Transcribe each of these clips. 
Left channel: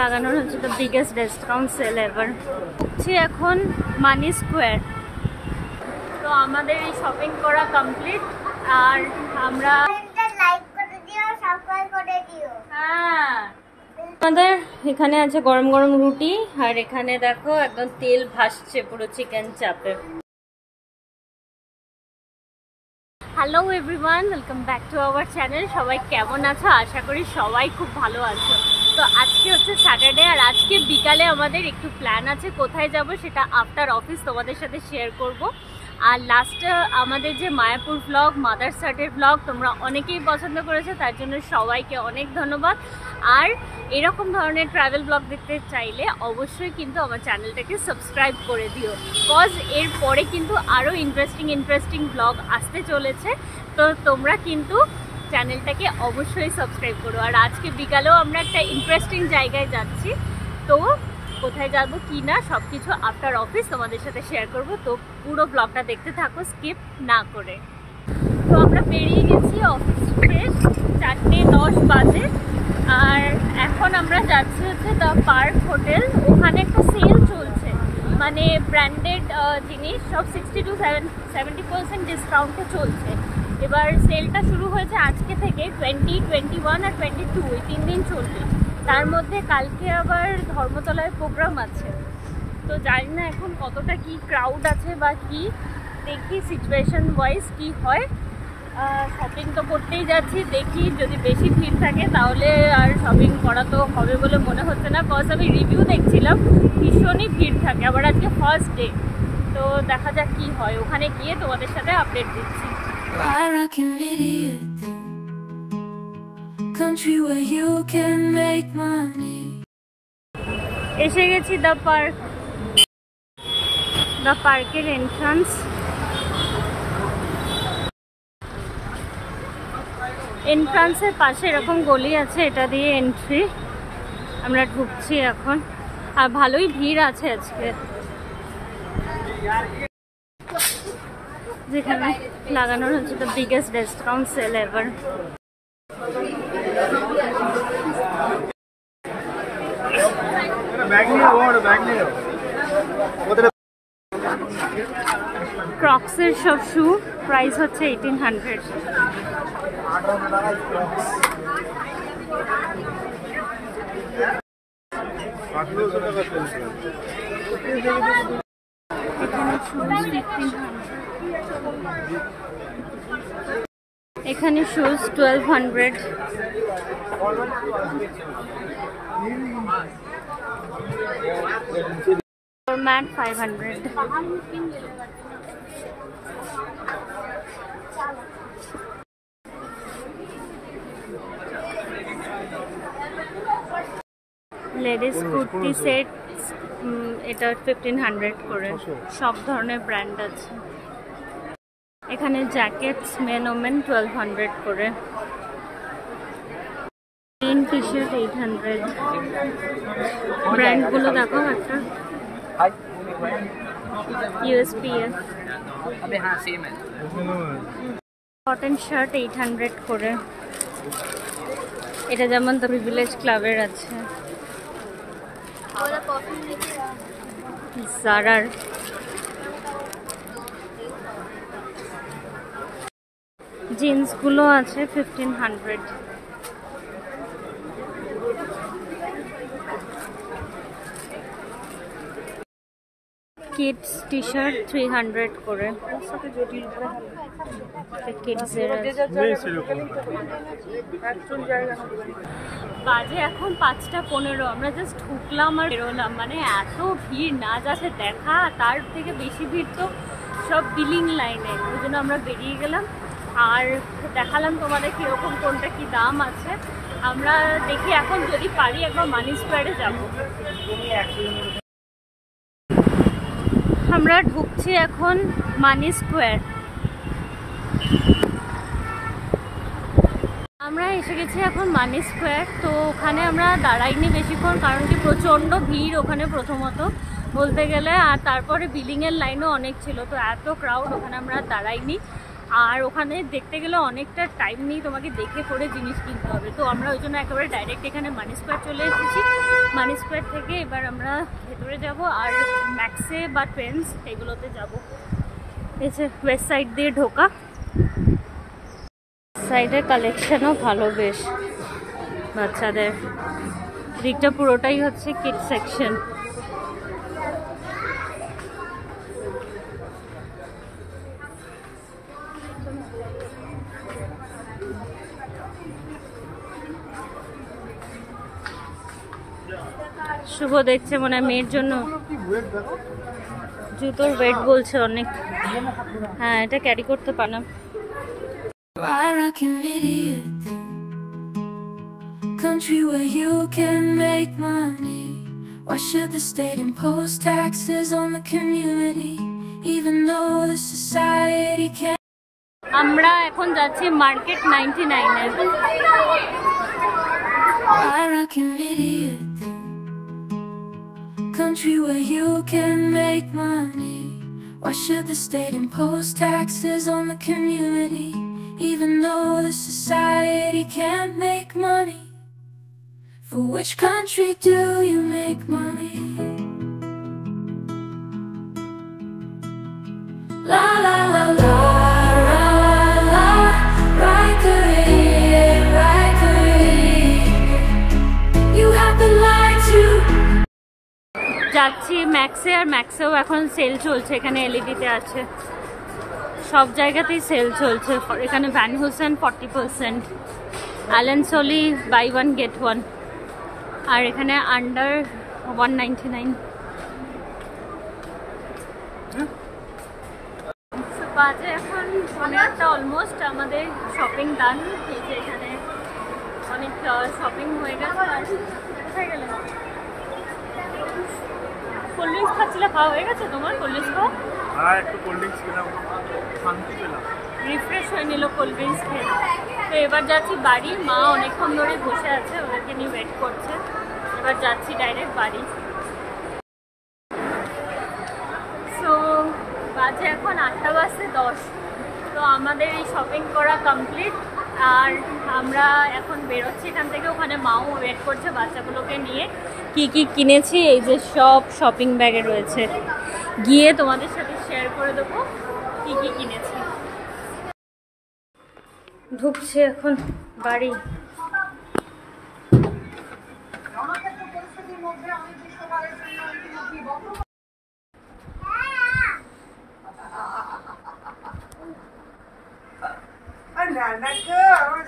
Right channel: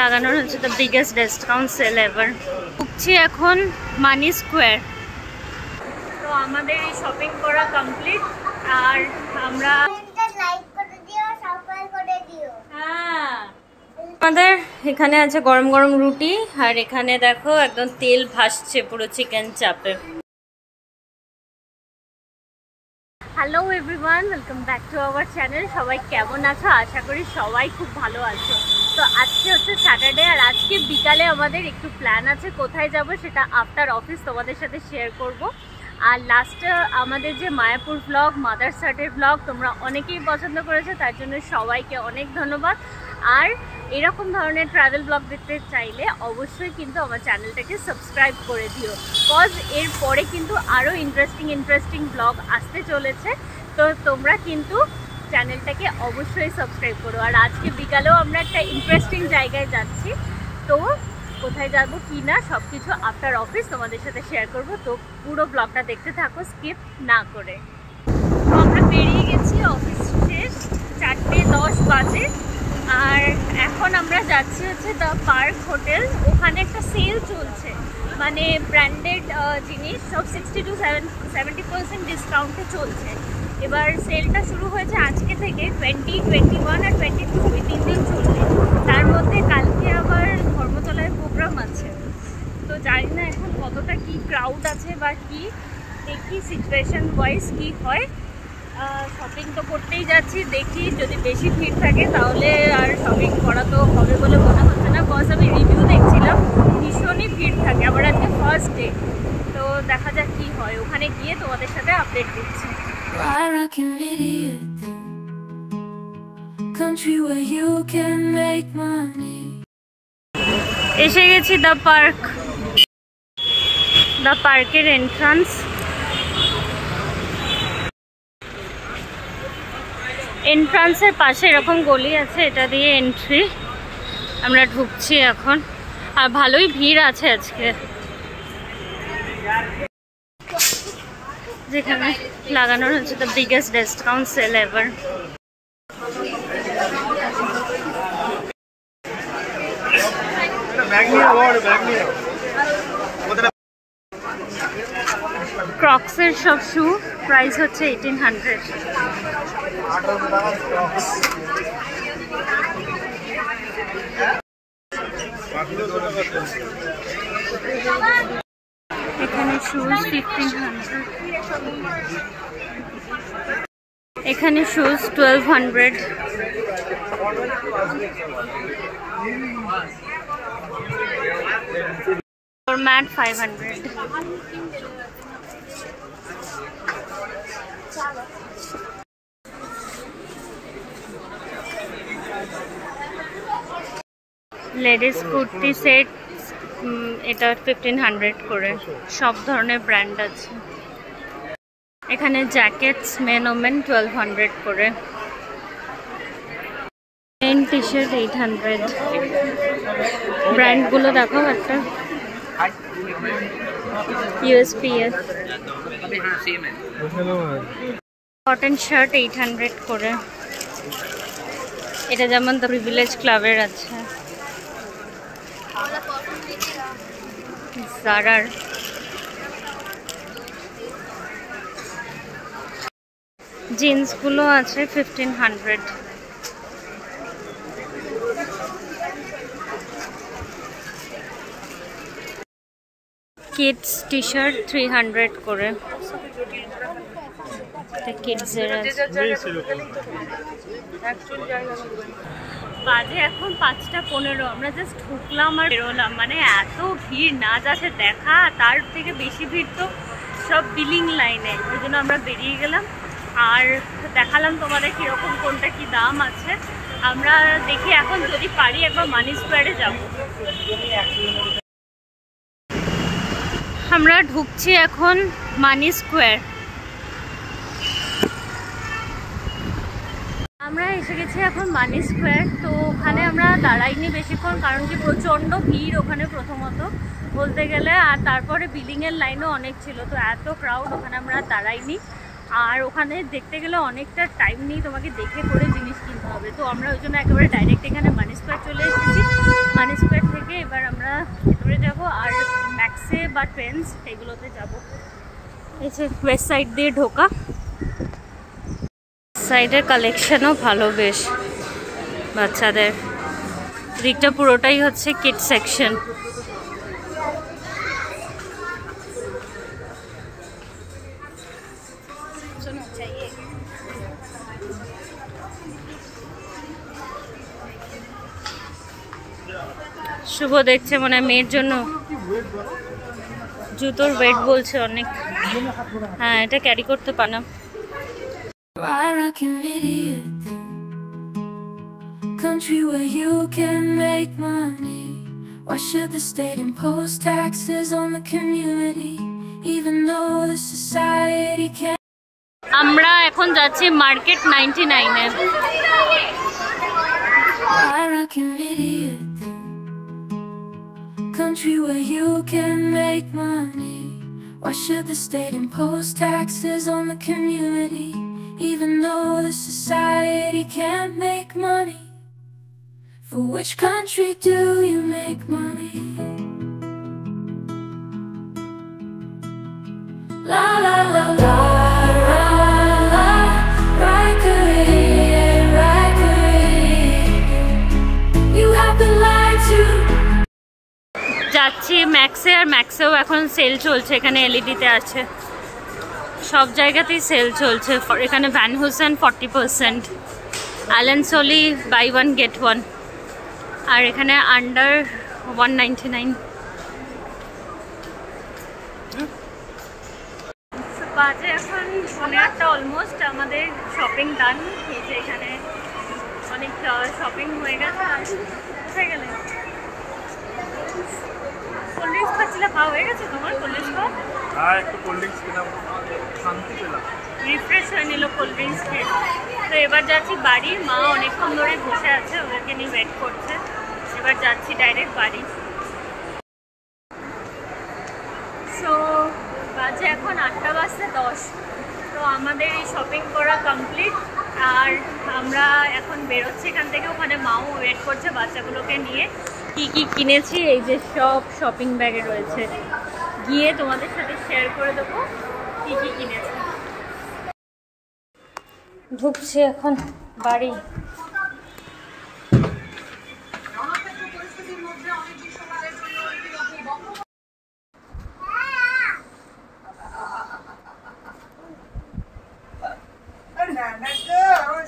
লাগানো হচ্ছে the biggest discount sale ever. ঢুকছি এখন মানি স্কোয়ার। তো আমাদের এই শপিং করা কমপ্লিট, আর আমরা আমাদের এখানে আছে গরম গরম রুটি, আর এখানে দেখো একদম তেল ভাসছে পুরো চিকেন চাপে। Hello everyone, welcome back to our channel. সবাই কেমন আছো? আশা করি সবাই খুব ভালো আছো। তো আজকে হচ্ছে স্যাটারডে, আর আজকে বিকালে আমাদের একটু প্ল্যান আছে। কোথায় যাব সেটা আফটার অফিস তোমাদের সাথে শেয়ার করব। আর লাস্টে আমাদের যে মায়াপুর ব্লগ, মাদার্স হাটের ব্লগ তোমরা অনেকেই পছন্দ করেছো, তার জন্য সবাইকে অনেক ধন্যবাদ। আর এরকম ধরনের ট্রাভেল ব্লগ দেখতে চাইলে অবশ্যই কিন্তু আমার চ্যানেলটাকে সাবস্ক্রাইব করে দিও, কজ এর পরে কিন্তু আরও ইন্টারেস্টিং ব্লগ আসতে চলেছে। তো তোমরা কিন্তু চ্যানেলটাকে অবশ্যই সাবস্ক্রাইব করো। আর আজকে বিকালেও আমরা একটা ইন্টারেস্টিং জায়গায় যাচ্ছি, তো কোথায় যাব কি না সব কিছু আফটার অফিস তোমাদের সাথে শেয়ার করব। তো পুরো ব্লগটা দেখতে থাকো স্কিপ না করে। তো আমরা বেরিয়ে গেছি, অফিস শেষ, 4:10 বাজে। আর এখন আমরা যাচ্ছি হচ্ছে দ্য পার্ক হোটেল। ওখানে একটা সেল চলছে, মানে ব্র্যান্ডেড জিনিস সব 60 to 70% ডিসকাউন্টে চলছে। এবার সেলটা শুরু হয়েছে আজকে থেকে, 20, 21 আর 22 এই 3 দিন চলবে। তার মধ্যে কালকে আবার ধর্মতলায় প্রোগ্রাম আছে। তো জানি না এখন কতটা কি ক্রাউড আছে বা কি, দেখি সিচুয়েশন ওয়াইজ কি হয়। শপিং তো করতেই যাচ্ছি, দেখি যদি বেশি ভিড় থাকে তাহলে আর শপিং করা তো হবে বলে মনে হচ্ছে না, কজ আমি রিভিউ দেখছিলাম ভীষণই ভিড় থাকে। আবার আজকে ফার্স্ট ডে, তো দেখা যাক কি হয়। ওখানে গিয়ে তোমাদের সাথে আপডেট দিচ্ছি। এসে গেছি দ্য পার্ক। দ্য পার্কের এন্ট্রান্স। এন্ট্রান্সের পাশে এরকম গলি আছে, এটা দিয়ে এন্ট্রি। আমরা ঢুকছি এখন, আর ভালোই ভিড় আছে আজকে। যেখানে লাগানো হচ্ছে the biggest discount sale ever. ক্রক্সের সব শু প্রাইস হচ্ছে 1800। এখানে শুজ 1500, এখানে shoes 1200, mat 500। Ladies kurti set, এটা 1500 করে। সব ধরনের ব্র্যান্ড আছে এখানে। জ্যাকেটস মেন ওমেন 1200 করে। Main T shirt 800। ব্র্যান্ডগুলো দেখো একটা, USPS। কটন শার্ট 800 করে। এটা যেমন দ্য প্রিভিলেজ ক্লাবের আছে। জারার জিন্সগুলো আছে 1500। কিডস টি শার্ট 300 করে। কিডসের বাজে এখন 5:15। আমরা জাস্ট ঢুকলাম আর বেরোলাম, মানে এত ভিড় না যাচ্ছে দেখা, তার থেকে বেশি ভিড় তো সব বিলিং লাইনে। ওই জন্য আমরা বেরিয়ে গেলাম আর দেখালাম তোমাদের কীরকম কোনটা কি দাম আছে। আমরা দেখি এখন যদি পারি একবার মানি স্কোয়ারে যাব। আমরা ঢুকছি এখন মানি স্কোয়ার। আমরা এসে গেছি এখন মানি স্কোয়ার। তো ওখানে আমরা দাঁড়াইনি বেশিক্ষণ, কারণ কি প্রচণ্ড ভিড় ওখানে প্রথমত বলতে গেলে, আর তারপরে বিলিংয়ের লাইনও অনেক ছিল। তো এত ক্রাউড, ওখানে আমরা দাঁড়াইনি। আর ওখানে দেখতে গেলে অনেকটা টাইম নিয়ে তোমাকে দেখে করে জিনিস কিনতে হবে। তো আমরা ওই জন্য একেবারে ডাইরেক্ট এখানে মানি স্কোয়ার চলে এসেছি। মানি স্কোয়ার থেকে এবার আমরা ভেতরে যাব আর ম্যাক্সে বা ট্রেন্ডস এগুলোতে যাব। এই যে ওয়েস্ট সাইড দিয়ে ঢোকা, সাইডের কালেকশনও ভালো বেশ বাচ্চাদের। দিকটা পুরোটাই হচ্ছে কিড সেকশন। শুভ দেখছে মনে হয় মেয়ের জন্য জুতোর ওয়েট বলছে অনেক। হ্যাঁ, এটা ক্যারি করতে পারলাম। Country where you can make money. Why should the state impose taxes on the community, even though the society can't? আমরা এখন যাচ্ছি market 99 A. Country where you can make money. Why should the state impose taxes on the community, even though the society can't make money? For which country do you make money? La la la la la la, right. You have the light to. যাচ্ছি ম্যাক্সে, আর ম্যাক্সেও এখন sell চলছে। এখানে এলইডিতে আছে, সব জায়গাতেই sale চলছে। এখানে Van Heusen 40%, Allen Solly by 1 get 1, আর এখানে আন্ডার 199। বাজে এখন 8:30 অলমোস্ট। আমাদের শপিং ডান। এই যে এখানে অনেক শপিং হয়ে গেছে। আর কোথায় গেলে? কোল্ড ড্রিঙ্কস খাচ্ছিলে, খাওয়া হয়ে গেছে তোমার? কোল্ড ড্রিঙ্কস খাও? হ্যাঁ, একটু কোল্ড ড্রিঙ্কস খেলাম, শান্তি পেলাম, রিফ্রেশ হয়ে নিল কোল্ড ড্রিঙ্কস খেয়ে। তো এবার যাচ্ছি বাড়ি। মা অনেকক্ষণ ধরে বসে আছে, ওদেরকে নিয়ে ওয়েট করছে। এবার যাচ্ছি ডাইরেক্ট বাড়ি। সো বাজে এখন 8:10। তো আমাদের এই শপিং করা কমপ্লিট, আর আমরা এখন বেরোচ্ছি এখান থেকে। ওখানে মাও ওয়েট করছে বাচ্চাগুলোকে নিয়ে। কি কি কিনেছি এই যে সব শপিং ব্যাগে রয়েছে, গিয়ে তোমাদের সাথে শেয়ার করে দেবো কি কি কিনেছি। ঢুকছি এখন বাড়ি।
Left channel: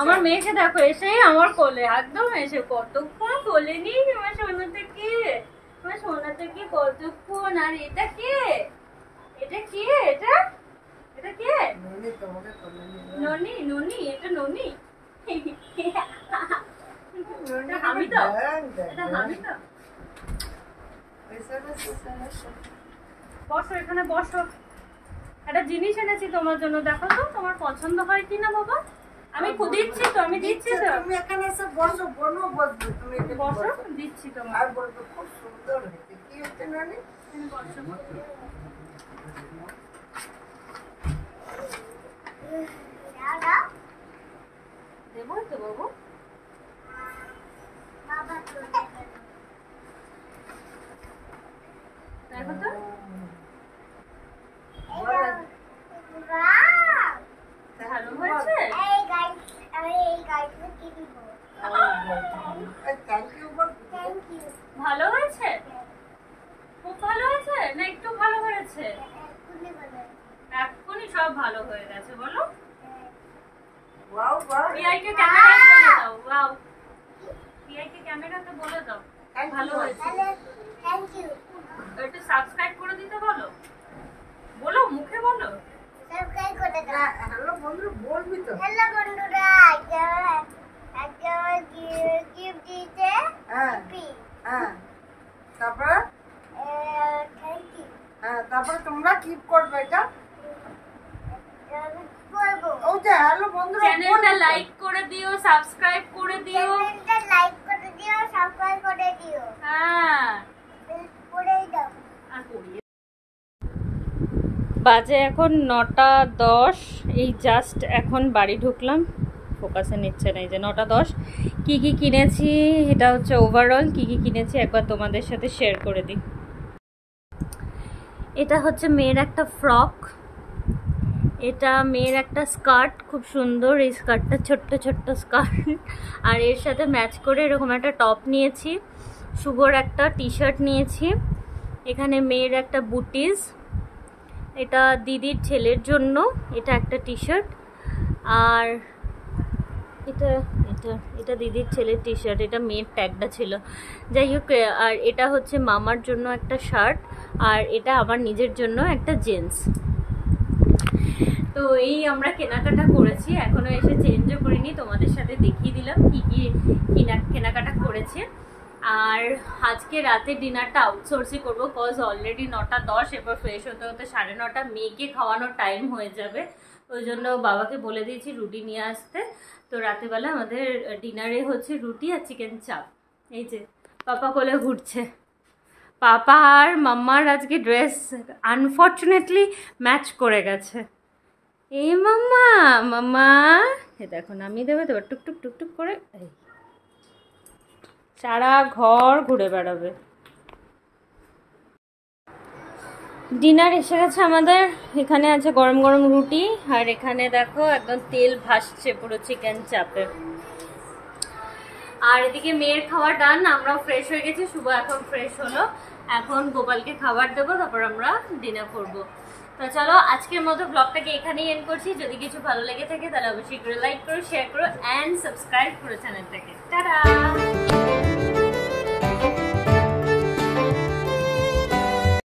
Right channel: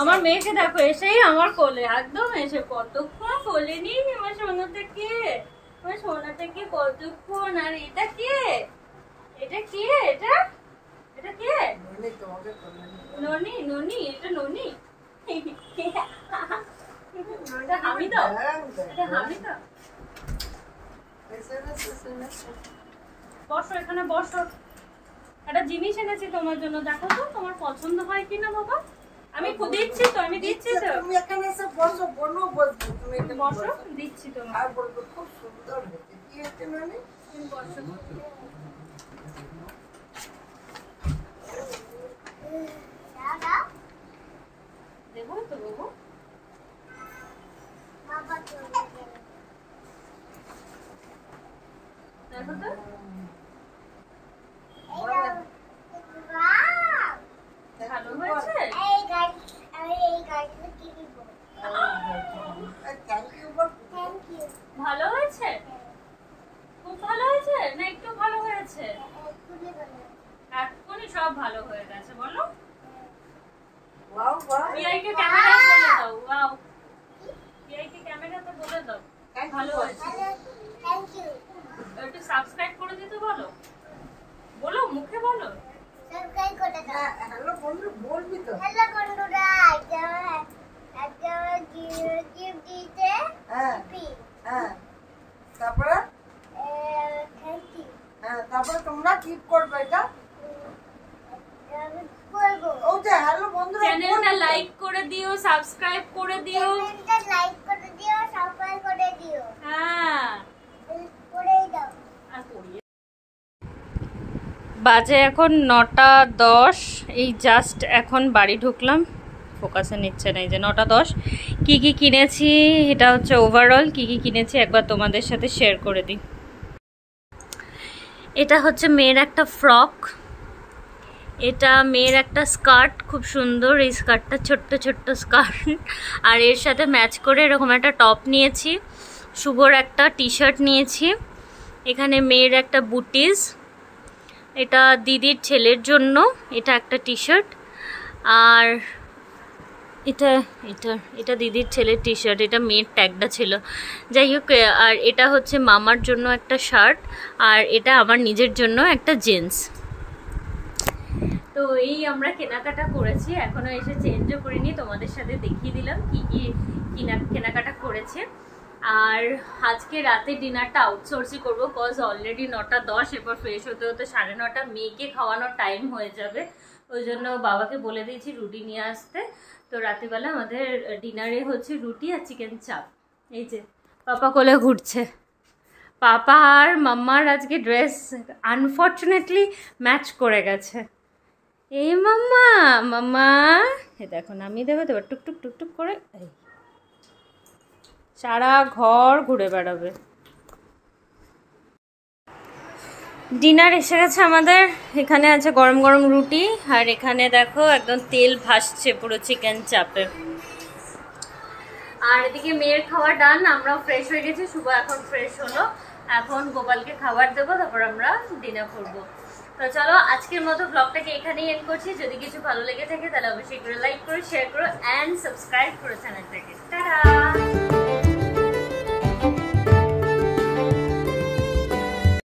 আমার মেয়েকে দেখো, এসেই আমার কোলে, একদম এসে কতক্ষণ কোলে নিই। আমার সোনা থেকে, আমার সোনা থেকে কতক্ষণ। আর এটা কে? এটা কে? এটা এটা কে? ননি, ননি, এটা ননি। এটা হামিদা, এটা হামিদা। বসো, এখানে বসো। একটা জিনিস এনেছি তোমার জন্য, দেখো তো তোমার পছন্দ হয় কিনা বাবা। আমি দিচ্ছি তো, আমি দিচ্ছি তো। তুমি এখানে এসে বসো, বনো বসবে। তুমি এখানে বসো, দিচ্ছি তোমার। আর বলবো খুব সুন্দর হয়েছে। কি হচ্ছে নানি? তুমি বসো। দেবো তো বাবু। দেখো তো। ভালো হয়েছে? ভালো হয়েছে, খুব ভালো হয়েছে না একটু ভালো হয়েছে? এক্ষুনি সব ভালো হয়ে গেছে। বলো টিআইকে ক্যামেরাতে বলে দাও। ওয়াও, টিআইকে ক্যামেরাতে বলে দাও ভালো হয়েছে। Thank you. একটু সাবস্ক্রাইব করে দিতে বলো, বলো মুখে বলো। সাবস্ক্রাইব করে দাও। হ্যালো বন্ধু, বলবি তো? হ্যালো বন্ধুরা, একটা গিফট দিতে। হ্যাঁ হ্যাঁ, তারপরে থ্যাংক ইউ। হ্যাঁ, তারপরে তোমরা কি করবে এটা? বলবো। ও যে হ্যালো বন্ধুরা, চ্যানেলটা লাইক করে দিও, সাবস্ক্রাইব করে দিও। চ্যানেলটা লাইক করে দিও, সাবস্ক্রাইব করে দিও। হ্যাঁ, করেই দাও। আর করিয়ে। বাজে এখন 9:10। এই জাস্ট এখন বাড়ি ঢুকলাম। ফোকাসে নিচ্ছে না। এই যে 9টা 10। কী কী কিনেছি, এটা হচ্ছে ওভারঅল কী কী কিনেছি একবার তোমাদের সাথে শেয়ার করে দিই। এটা হচ্ছে মেয়ের একটা ফ্রক, এটা মেয়ের একটা স্কার্ট, খুব সুন্দর এই স্কার্টটা, ছোট্ট ছোট্ট স্কার্ট। আর এর সাথে ম্যাচ করে এরকম একটা টপ নিয়েছি। শুভর একটা টি শার্ট নিয়েছি। এখানে মেয়ের একটা বুটিস, এটা দিদির ছেলের জন্য, এটা একটা টি শার্ট। আর এটা এটা এটা দিদির ছেলের টি শার্ট, এটা মেয়ের ট্যাগটা ছিল, যাই হোক। আর এটা হচ্ছে মামার জন্য একটা শার্ট, আর এটা আমার নিজের জন্য একটা জিন্স। তো এই আমরা কেনাকাটা করেছি, এখনো এসে চেঞ্জও করিনি, তোমাদের সাথে দেখিয়ে দিলাম কি কি কেনাকাটা করেছে। আর আজকে রাতে ডিনারটা আউটসোর্সই করবো, কজ অলরেডি 9টা 10, এরপর ফ্রেশ হতে হতে 9:30, মেয়েকে খাওয়ানোর টাইম হয়ে যাবে। ওই জন্য বাবাকে বলে দিয়েছি রুটি নিয়ে আসতে। তো রাতেবেলা আমাদের ডিনারে হচ্ছে রুটি আর চিকেন চাপ। এই যে পাপা কোলে ঘুরছে। পাপা আর মাম্মার আজকে ড্রেস আনফর্চুনেটলি ম্যাচ করে গেছে। এই মাম্মা, মাম্মা এ দেখো নামিয়ে দেবে তো, টুকটুক টুকটুক করে এই সারা ঘর ঘুরে বেড়াবে। ডিনার এসে গেছে আমাদের, এখানে আছে গরম গরম রুটি, আর এখানে দেখো একদম তেল ভাসছে পুরো চিকেন চাপে। আর এদিকে মেয়ের খাবার ডান, আমরাও ফ্রেশ হয়ে গেছি, শুভ এখন ফ্রেশ হলো, এখন গোপালকে খাবার দেবো, তারপর আমরা ডিনার করবো। তো চলো আজকের মতো ব্লগটাকে এখানেই এন্ড করছি। যদি কিছু ভালো লেগে থাকে তাহলে অবশ্যই করে লাইক করো, শেয়ার করো অ্যান্ড সাবস্ক্রাইব করো চ্যানেলটাকে। টাটা।